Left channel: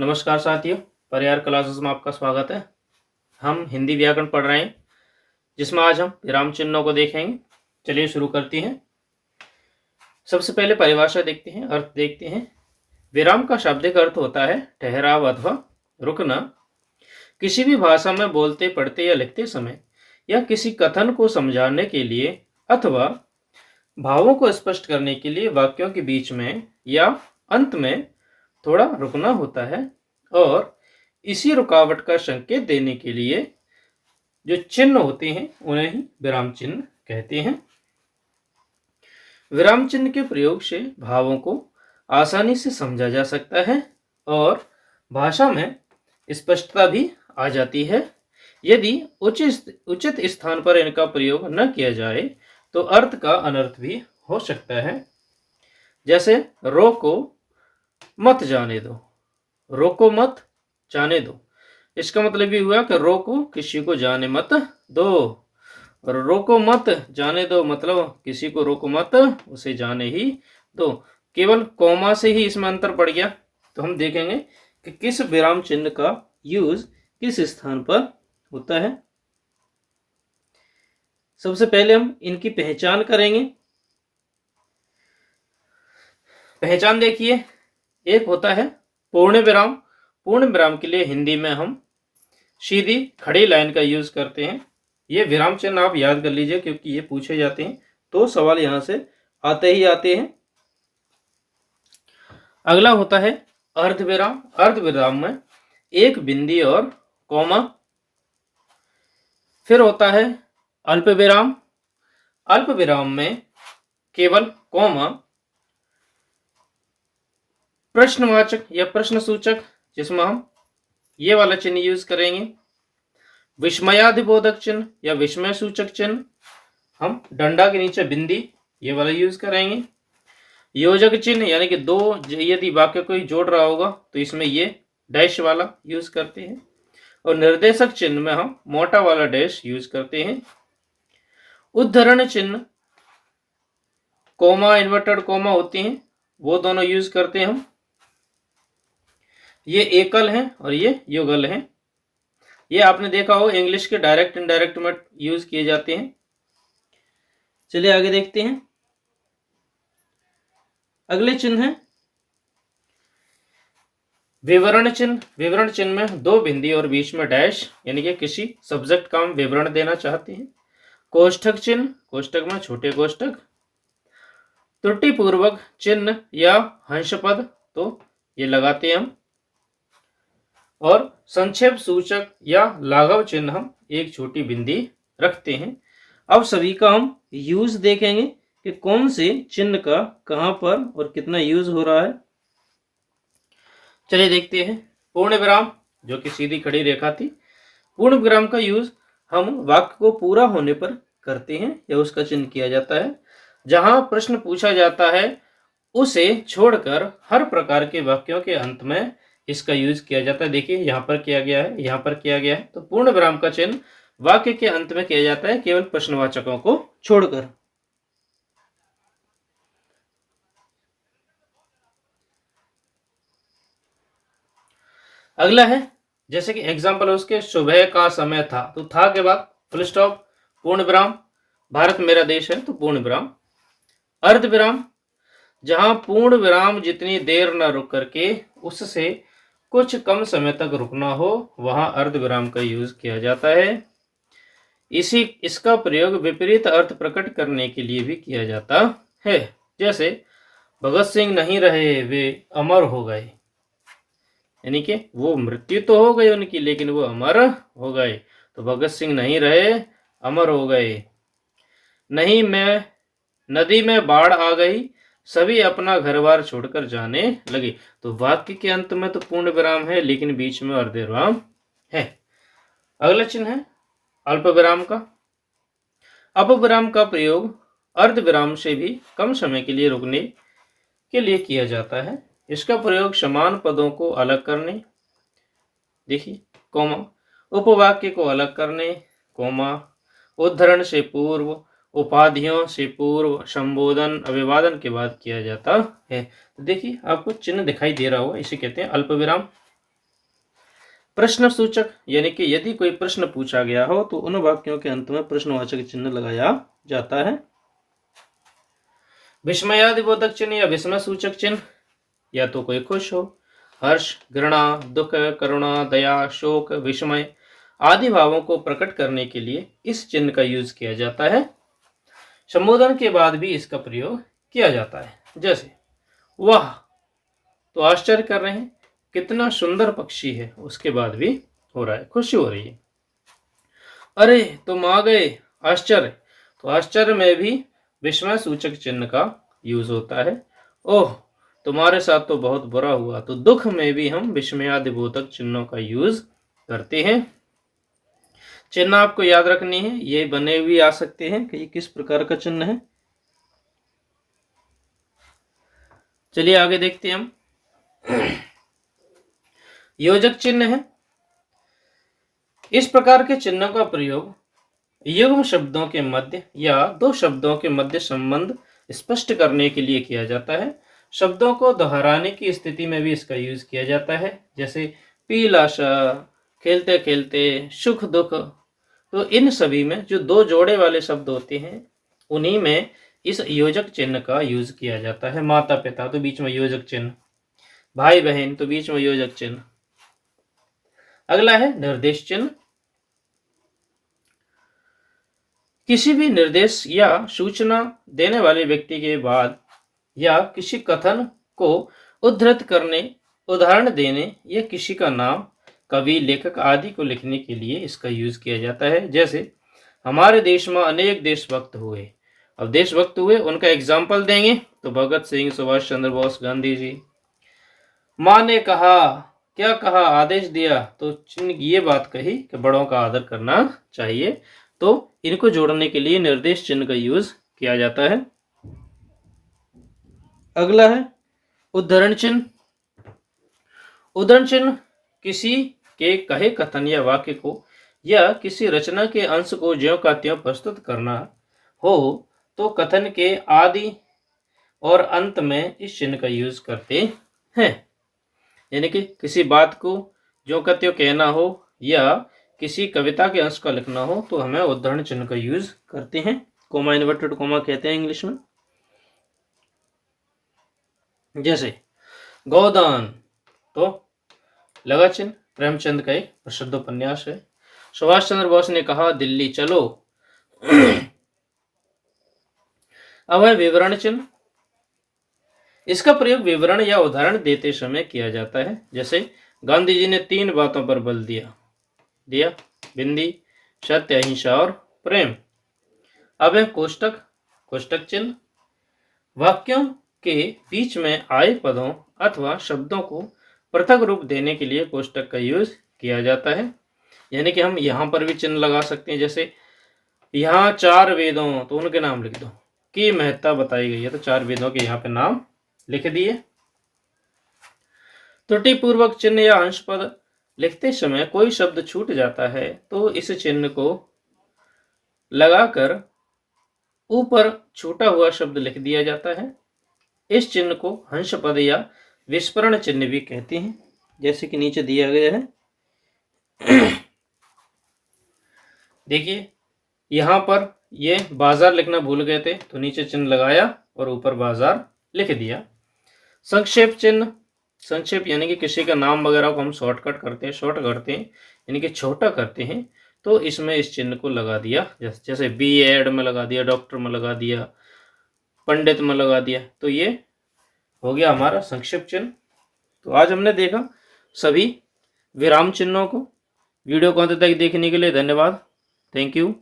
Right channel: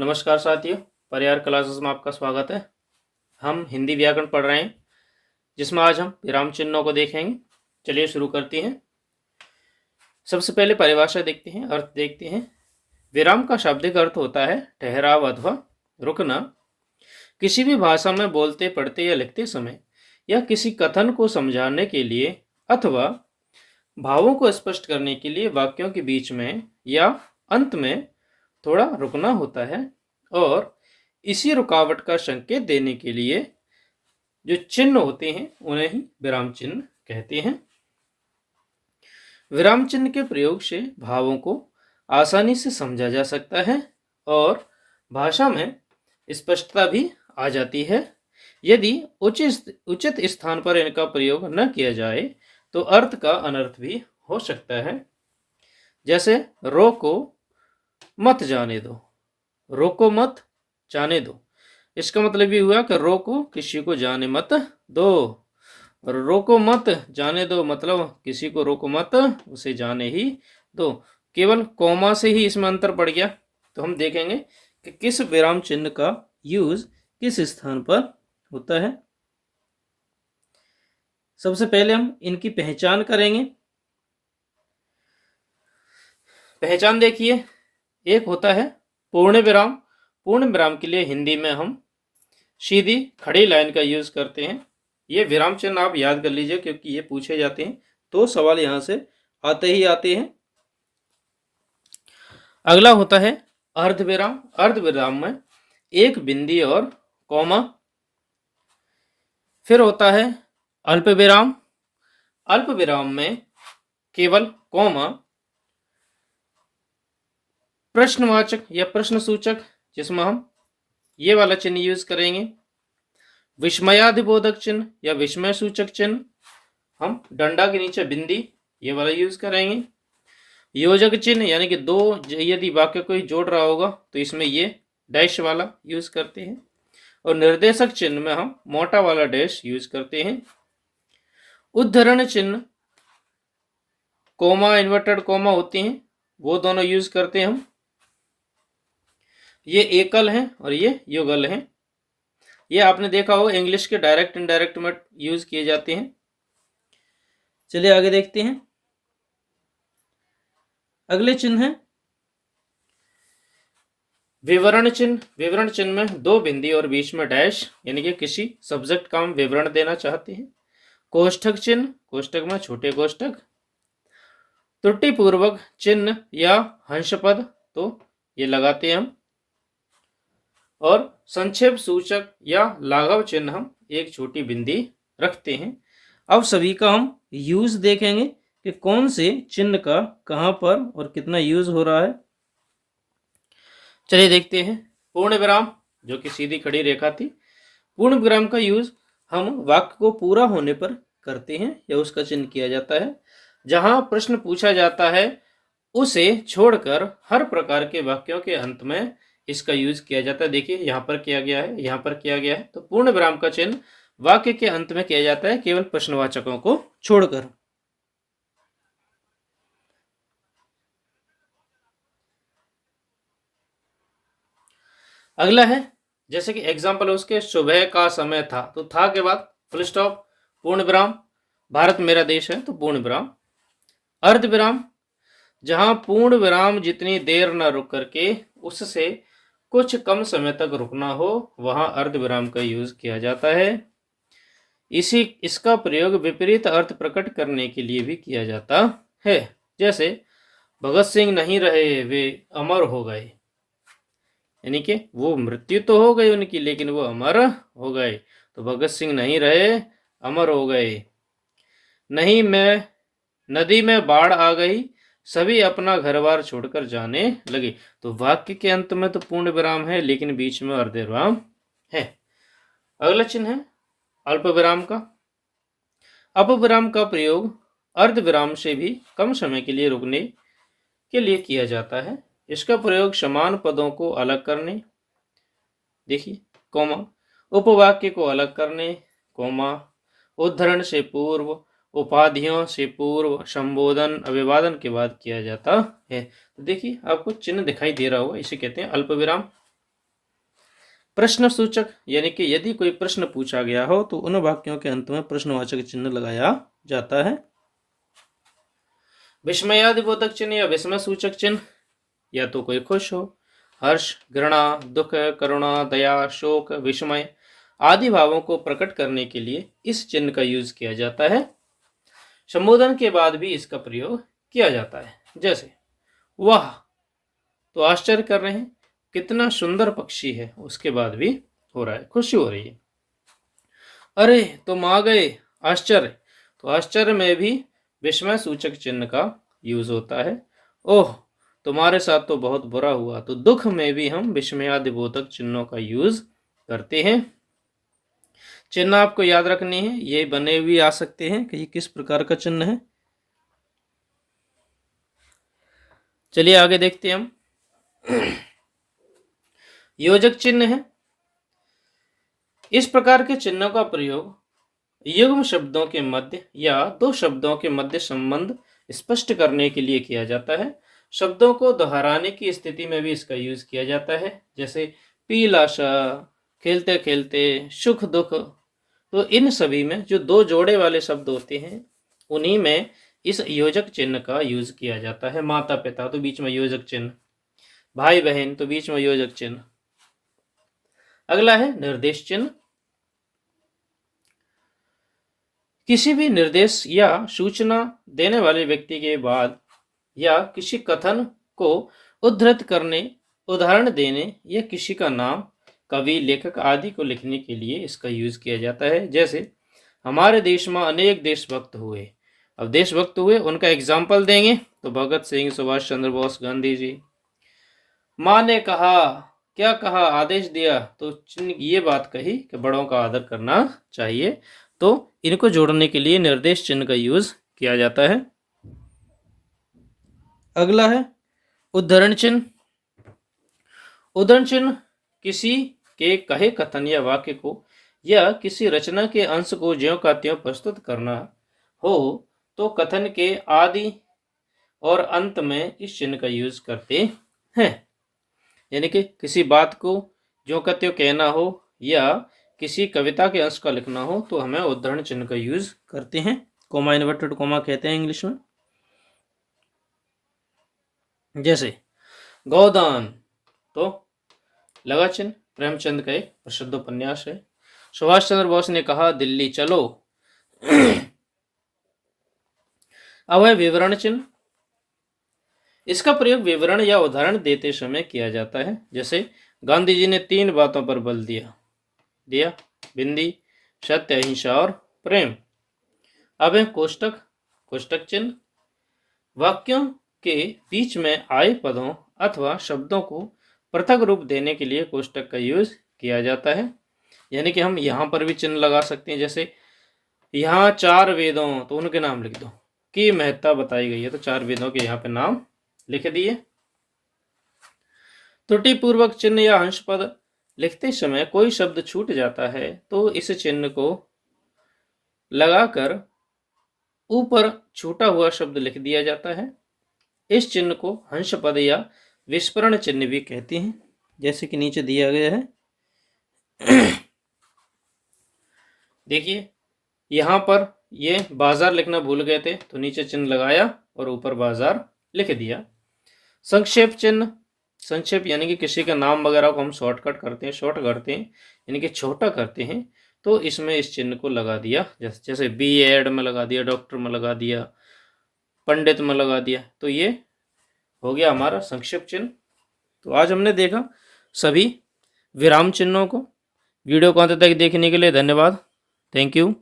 नमस्कार साथियों, परिहार क्लासेस में आपका स्वागत है। हम हिंदी व्याकरण पढ़ रहे हैं, जिसमें आज हम विराम चिन्हों को देखेंगे। चलिए शुरू करते हैं। सबसे पहले परिभाषा देखते हैं, अर्थ देखते हैं। विराम का शाब्दिक अर्थ होता है ठहराव अथवा रुकना। किसी भी भाषा में बोलते, पढ़ते या लिखते समय या किसी कथन को समझाने के लिए अथवा भावों को स्पष्ट करने के लिए वाक्यों के बीच में या अंत में थोड़ा रुकना होता है, और इसी रुकावट का संकेत देने के लिए जो चिन्ह होते हैं उन्हें ही विराम चिन्ह कहते हैं। विराम चिन्ह के प्रयोग से भावों को आसानी से समझा जा सकता है और भाषा में स्पष्टता भी आ जाती है। यदि उचित स्थान पर इनका प्रयोग न किया जाए तो अर्थ का अनर्थ भी हो सकता है। जैसे रोको मत जाने दो, रोको मत जाने दो, इसका मतलब ये हुआ कि रोको किसी को जाने मत दो, और रोको मत जाने दो मतलब किसी को रोको मत, उसे जाने ही दो। केवल कॉमा से ही इसमें अंतर पड़ गया। तो हम देखेंगे कि किस विराम चिन्ह का यूज किस स्थान पर होता है। सबसे पहले हम इनकी पहचान करेंगे। पहचान देखिए, एक होता है पूर्ण विराम। पूर्ण विराम के लिए हिंदी में हम सीधी खड़ी लाइन का यूज करते हैं। ये विराम चिन्ह आप याद कर लीजिए, क्योंकि ये पूछे जाते हैं तो सवाल यहां से आते ही आते हैं। अगला होता है अर्ध विराम। अर्ध विराम में एक बिंदी और कॉमा। फिर होता है अल्प विराम। अल्प विराम में केवल कॉमा, प्रश्नवाचक या प्रश्न सूचक, जिसमें हम ये वाला चिन्ह यूज करेंगे। विस्मयादिबोधक चिन्ह या विस्मय सूचक चिन्ह हम डंडा के नीचे बिंदी ये वाला यूज करेंगे। योजक चिन्ह यानी कि दो, यदि वाक्य कोई जोड़ रहा होगा तो इसमें ये डैश वाला यूज करते हैं। और निर्देशक चिन्ह में हम मोटा वाला डैश यूज करते हैं। उद्धरण चिन्ह कोमा, इन्वर्टेड कोमा होते हैं, वो दोनों यूज करते हैं हम। ये एकल हैं और ये युगल हैं। ये आपने देखा हो इंग्लिश के डायरेक्ट इनडायरेक्ट में यूज किए जाते हैं। चलिए आगे देखते हैं। अगले चिन्ह है विवरण चिन्ह। विवरण चिन्ह में दो बिंदी और बीच में डैश, यानी कि किसी सब्जेक्ट का हम विवरण देना चाहते हैं। कोष्ठक चिन्ह, कोष्ठक में छोटे कोष्ठक। त्रुटि पूर्वक चिन्ह या हंसपद, तो ये लगाते हैं हम। और संक्षेप सूचक या लाघव चिन्ह हम एक छोटी बिंदी रखते हैं। अब सभी का हम यूज देखेंगे कि कौन से चिन्ह का कहां पर और कितना यूज हो रहा है। चलिए देखते हैं। पूर्ण विराम, जो कि सीधी खड़ी रेखा थी। पूर्ण विराम का यूज हम वाक्य को पूरा होने पर करते हैं या उसका चिन्ह किया जाता है। जहां प्रश्न पूछा जाता है उसे छोड़कर हर प्रकार के वाक्यों के अंत में इसका यूज किया जाता है। देखिए यहां पर किया गया है, यहां पर किया गया है। तो पूर्ण विराम का चिन्ह वाक्य के अंत में किया जाता है, केवल प्रश्नवाचकों को छोड़कर। अगला है, जैसे कि एग्जाम्पल उसके सुबह का समय था, तो था के बाद फुल स्टॉप, पूर्ण विराम। भारत मेरा देश है, तो पूर्ण विराम। अर्ध विराम, जहां पूर्ण विराम जितनी देर न रुक करके उससे कुछ कम समय तक रुकना हो, वहां अर्ध विराम का यूज किया जाता है। इसका प्रयोग विपरीत अर्थ प्रकट करने के लिए भी किया जाता है। जैसे भगत सिंह नहीं रहे, वे अमर हो गए, यानी कि वो मृत्यु तो हो गई उनकी, लेकिन वो अमर हो गए। तो भगत सिंह नहीं रहे, अमर हो गए। नहीं, मैं नदी में बाढ़ आ गई, सभी अपना घर बार छोड़कर जाने लगे। तो वाक्य के अंत में तो पूर्ण विराम है, लेकिन बीच में अर्ध विराम है। अगला चिन्ह है अल्प विराम का। अल्प विराम का प्रयोग अर्ध विराम से भी कम समय के लिए रुकने के लिए किया जाता है। इसका प्रयोग समान पदों को अलग करने, देखिए कोमा, उपवाक्य को अलग करने, कोमा, उद्धरण से पूर्व, उपाधियों से पूर्व, संबोधन, अभिवादन के बाद किया जाता है। तो देखिए आपको चिन्ह दिखाई दे रहा होगा, इसे कहते हैं अल्प विराम। प्रश्न सूचक यानी कि यदि कोई प्रश्न पूछा गया हो तो उन वाक्यों के अंत में प्रश्नवाचक चिन्ह लगाया जाता है। विस्मयादिबोधक चिन्ह या विस्मय सूचक चिन्ह, या तो कोई खुश हो, हर्ष, घृणा, दुख, करुणा, दया, शोक, विस्मय आदि भावों को प्रकट करने के लिए इस चिन्ह का यूज किया जाता है। संबोधन के बाद भी इसका प्रयोग किया जाता है, जैसे वाह, तो आश्चर्य कर रहे हैं, कितना सुंदर पक्षी है, उसके बाद भी हो रहा है, खुशी हो रही है। अरे तुम आ गए, आश्चर्य, तो आश्चर्य में भी विस्मय सूचक चिन्ह का यूज होता है। ओह, तुम्हारे साथ तो बहुत बुरा हुआ, तो दुख में भी हम विस्मयादिबोधक चिन्हों का यूज करते हैं। चिन्ह आपको याद रखने हैं, ये बने हुए आ सकते हैं कि किस प्रकार का चिन्ह है। चलिए आगे देखते हैं हम। योजक चिन्ह है। इस प्रकार के चिन्हों का प्रयोग युग्म शब्दों के मध्य या दो शब्दों के मध्य संबंध स्पष्ट करने के लिए किया जाता है। शब्दों को दोहराने की स्थिति में भी इसका यूज किया जाता है, जैसे पीलाशा, खेलते खेलते, सुख दुख। तो इन सभी में जो दो जोड़े वाले शब्द होते हैं उन्हीं में इस योजक चिन्ह का यूज किया जाता है। माता पिता तो बीच में योजक चिन्ह, भाई बहन तो बीच में योजक चिन्ह। अगला है निर्देश चिन्ह। किसी भी निर्देश या सूचना देने वाले व्यक्ति के बाद या किसी कथन को उद्धृत करने, उदाहरण देने या किसी का नाम, कवि, लेखक आदि को लिखने के लिए इसका यूज किया जाता है। जैसे हमारे देश में अनेक देशभक्त हुए, अब देशभक्त हुए उनका एग्जाम्पल देंगे तो भगत सिंह, सुभाष चंद्र बोस, गांधी जी। माँ ने कहा, क्या कहा, आदेश दिया, तो ये बात कही कि बड़ों का आदर करना चाहिए, तो इनको जोड़ने के लिए निर्देश चिन्ह का यूज किया जाता है। अगला है उद्धरण चिन्ह। उद्धरण चिन्ह किसी के कहे कथन या वाक्य को या किसी रचना के अंश को ज्यों का त्यों प्रस्तुत करना हो तो कथन के आदि और अंत में इस चिन्ह का यूज करते हैं। यानी कि किसी बात को ज्यों का त्यों कहना हो या किसी कविता के अंश का लिखना हो तो हमें उद्धरण चिन्ह का यूज करते हैं। कोमा इन्वर्टेड कोमा कहते हैं इंग्लिश में। जैसे गोदान, तो लगा चिन्ह प्रेमचंद का एक प्रसिद्ध उपन्यास है। सुभाष चंद्र बोस ने कहा, दिल्ली चलो। अब है विवरण चिन्ह। इसका प्रयोग विवरण या उदाहरण देते समय किया जाता है। जैसे गांधी जी ने 3 बातों पर बल दिया, बिंदी, सत्य, अहिंसा और प्रेम। अब है कोष्टक। कोष्टक चिन्ह वाक्यों के बीच में आए पदों अथवा शब्दों को पृथक रूप देने के लिए कोष्टक का यूज किया जाता है। यानी कि हम यहाँ पर भी चिन्ह लगा सकते हैं। जैसे यहाँ 4 वेदों, तो उनके नाम लिख दो, की महत्ता बताई गई है, तो 4 वेदों के यहाँ पे नाम लिख दिए। त्रुटि पूर्वक चिन्ह या अंश पद लिखते समय कोई शब्द छूट जाता है तो इस चिन्ह को लगाकर ऊपर छूटा हुआ शब्द लिख दिया जाता है। इस चिन्ह को हंस पद या विस्मरण चिन्ह भी कहते हैं, जैसे कि नीचे दिया गया है। देखिए यहाँ पर ये बाजार लिखना भूल गए थे तो नीचे चिन्ह लगाया और ऊपर बाजार लिख दिया। संक्षेप चिन्ह। संक्षेप यानी कि किसी का नाम वगैरह को हम शॉर्टकट करते हैं, शॉर्ट करते हैं यानी कि छोटा करते हैं, तो इसमें इस चिन्ह को लगा दिया। जैसे B.Ed में लगा दिया, डॉक्टर में लगा दिया, पंडित में लगा दिया, तो ये हो गया हमारा संक्षेप चिन्ह। तो आज हमने देखा सभी विराम चिन्हों को। वीडियो को अंत तक देखने के लिए धन्यवाद। Thank you.